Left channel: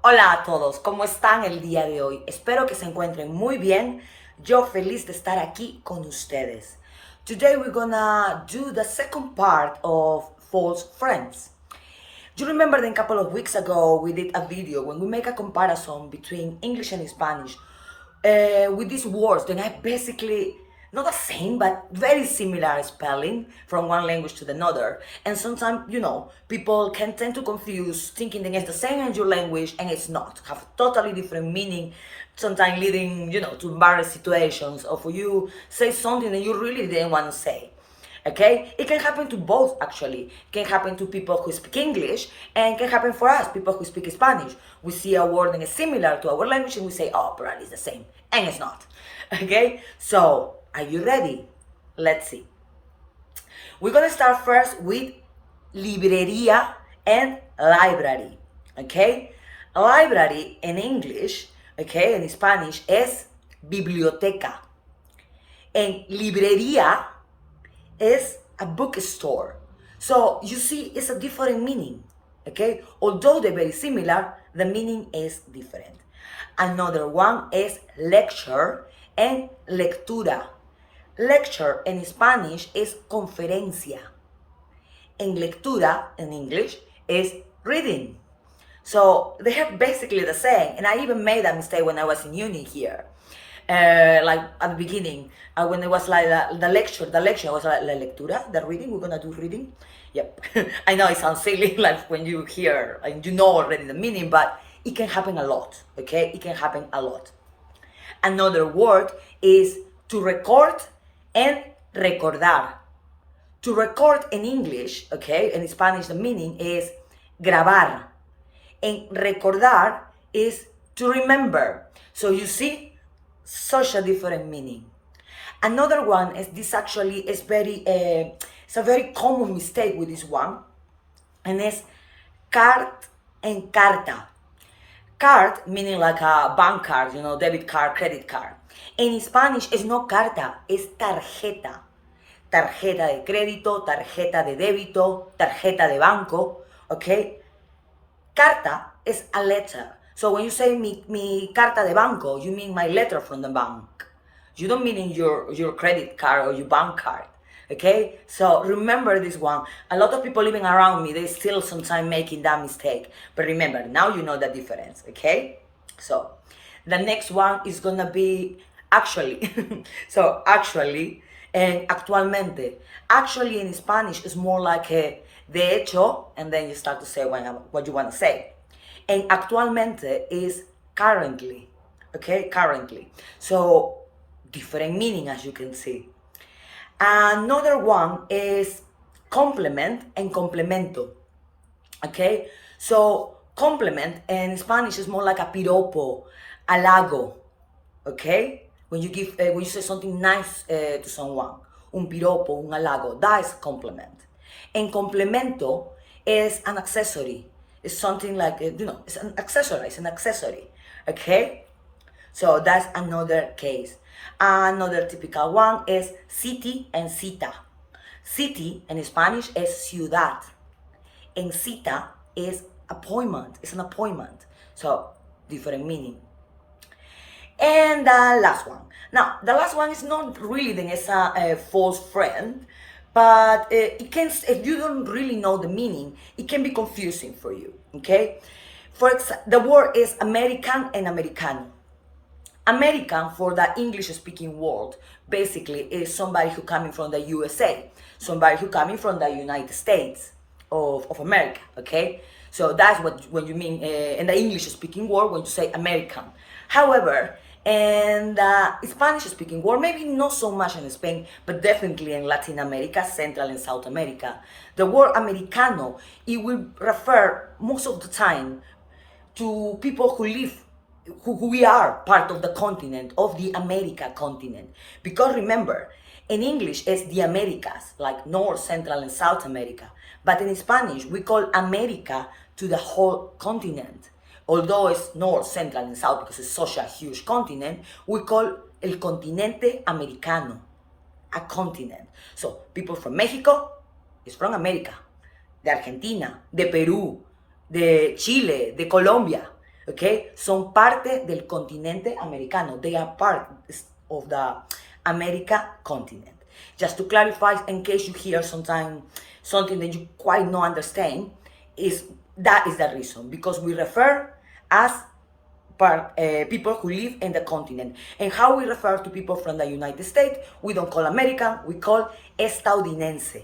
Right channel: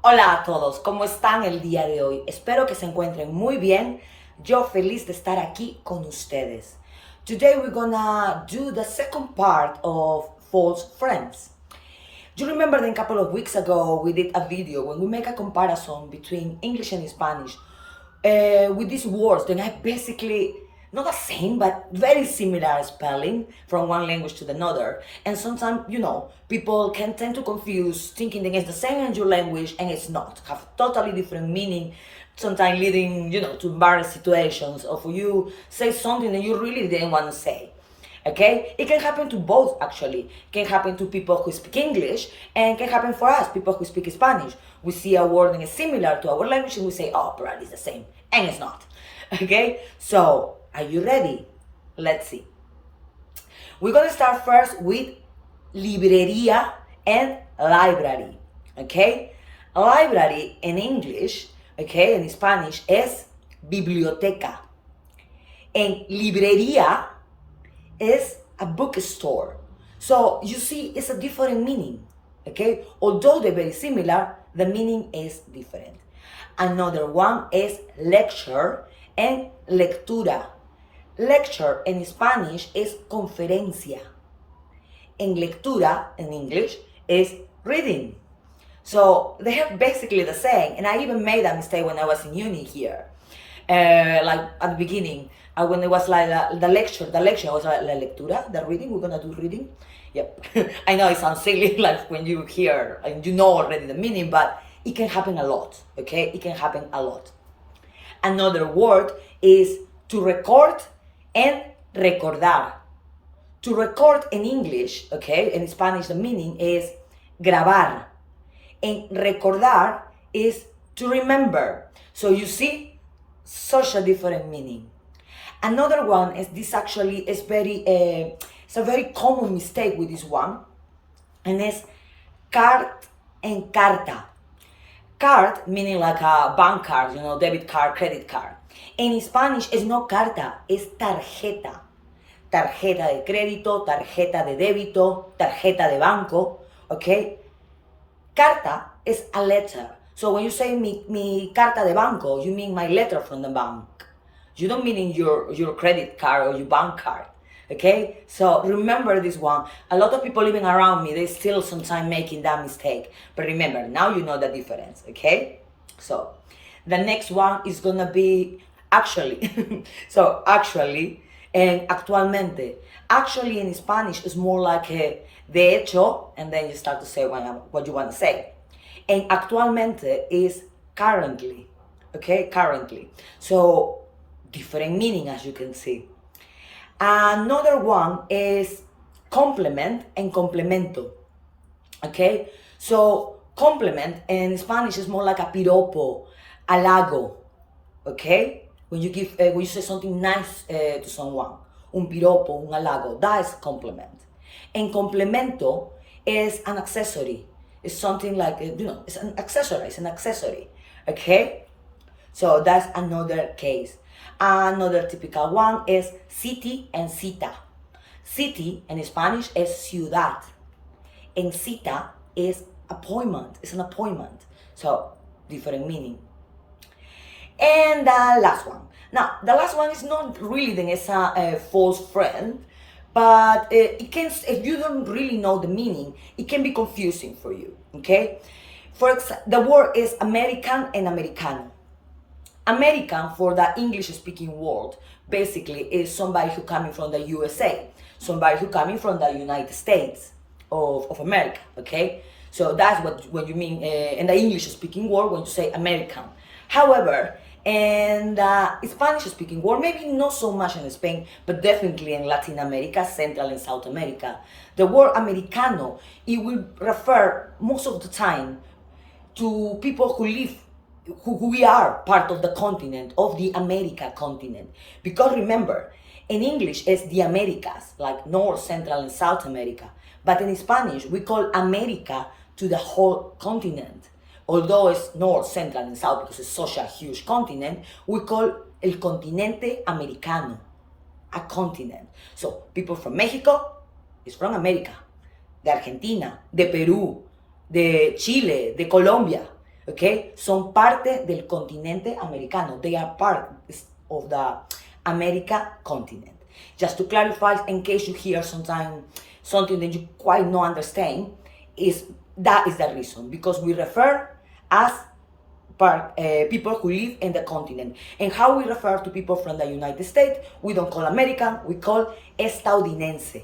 Hola a todos, ¿cómo están el día de hoy? Espero que se encuentren muy bien. Yo feliz de estar aquí con ustedes. Today we're gonna do the second part of false friends. You remember that a couple of weeks ago we did a video when we make a comparison between English and Spanish with these words that are basically not the same but very similar spelling from one language to another. And sometimes, people can tend to confuse thinking that it's the same in your language and it's not. Have totally different meaning, sometimes leading, to embarrassing situations or for you say something that you really didn't want to say. Okay, it can happen to both actually. It can happen to people who speak English and it can happen for us, people who speak Spanish. We see a word that is similar to our language and we say, oh, probably it's the same, and it's not. Okay, so are you ready? Let's see. We're gonna start first with Librerìa and library. Okay, library in English, okay, in Spanish es biblioteca, and librería is a bookstore. So you see, it's a different meaning, okay? Although they're very similar, the meaning is different. Another one is lecture and lectura. Lecture in Spanish is conferencia. And lectura in English is reading. So they have basically the same. And I even made a mistake when I was in uni here. Like at the beginning, when it was like the lecture was like la lectura, the reading, we're gonna do reading. Yep. I know it sounds silly, like when you hear and you know already the meaning, but it can happen a lot, okay? It can happen a lot. Another word is to record and recordar. To record in English, okay, in Spanish the meaning is grabar. And recordar is to remember. So you see, such a different meaning. Another one is this actually is it's a very common mistake with this one, and it's card and carta. Card meaning like a bank card, debit card, credit card. In Spanish it's not carta, it's tarjeta. Tarjeta de crédito, tarjeta de débito, tarjeta de banco, okay? Carta is a letter. So when you say mi carta de banco, you mean my letter from the bank. You don't mean in your credit card or your bank card, okay? So remember this one. A lot of people living around me, they still sometimes making that mistake. But remember, now you know the difference, okay? So the next one is gonna be actually. So actually and actualmente. Actually in Spanish is more like a de hecho, and then you start to say what you want to say. And actualmente is currently, okay, currently. So different meaning, as you can see. Another one is complement and complemento, okay? So complement in Spanish is more like a piropo, halago, okay? When you say something nice to someone, un piropo, un halago, that is compliment. And complemento is an accessory. It's something like, it's an accessory, okay? So that's another case. Another typical one is city and cita. City in Spanish is ciudad, and cita is appointment, it's an appointment. So different meaning. And the last one. Now, the last one is not really a false friend, but it can, if you don't really know the meaning, it can be confusing for you, okay? The word is American and Americano. American, for the English-speaking world, basically is somebody who coming from the USA, somebody who coming from the United States of America, okay? So that's when you mean in the English-speaking world when you say American. However, in the Spanish-speaking world, maybe not so much in Spain, but definitely in Latin America, Central and South America, the word Americano, it will refer most of the time to people who live, who we are part of the continent, of the America continent. Because remember, in English it's the Americas, like North, Central and South America. But in Spanish, we call America to the whole continent. Although it's North, Central and South because it's such a huge continent, we call el continente americano, a continent. So people from Mexico is from America, de Argentina, de Peru, de Chile, de Colombia, Okay? Son parte del continente americano. They are part of the America continent. Just to clarify, in case you hear sometimes something that you quite not understand, that is the reason, because we refer as people who live in the continent. And how we refer to people from the United States, we don't call American, we call estadounidense.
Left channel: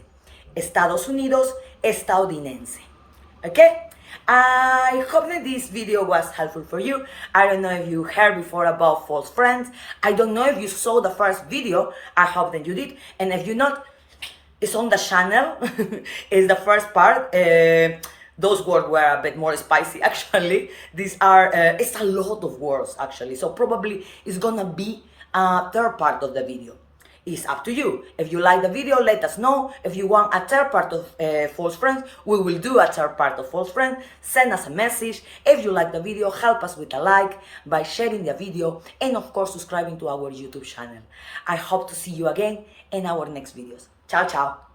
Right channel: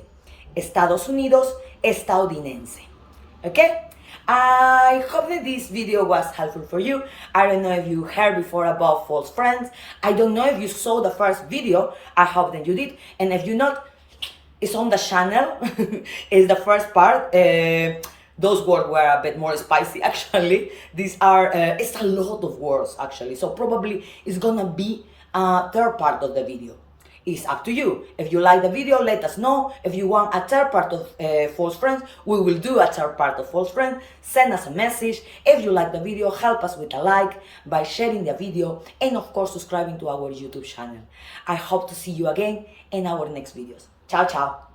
Estados Unidos, estadounidense. Okay? I hope that this video was helpful for you. I don't know if you heard before about false friends. I don't know if you saw the first video. I hope that you did. And if you not, it's on the channel. It's the first part. Those words were a bit more spicy, actually. These are, it's a lot of words, actually. So probably it's gonna be a third part of the video. It's up to you. If you like the video, let us know. If you want a third part of false friends, we will do a third part of false friends. Send us a message. If you like the video, help us with a like by sharing the video and of course subscribing to our YouTube channel. I hope to see you again in our next videos. Ciao, ciao.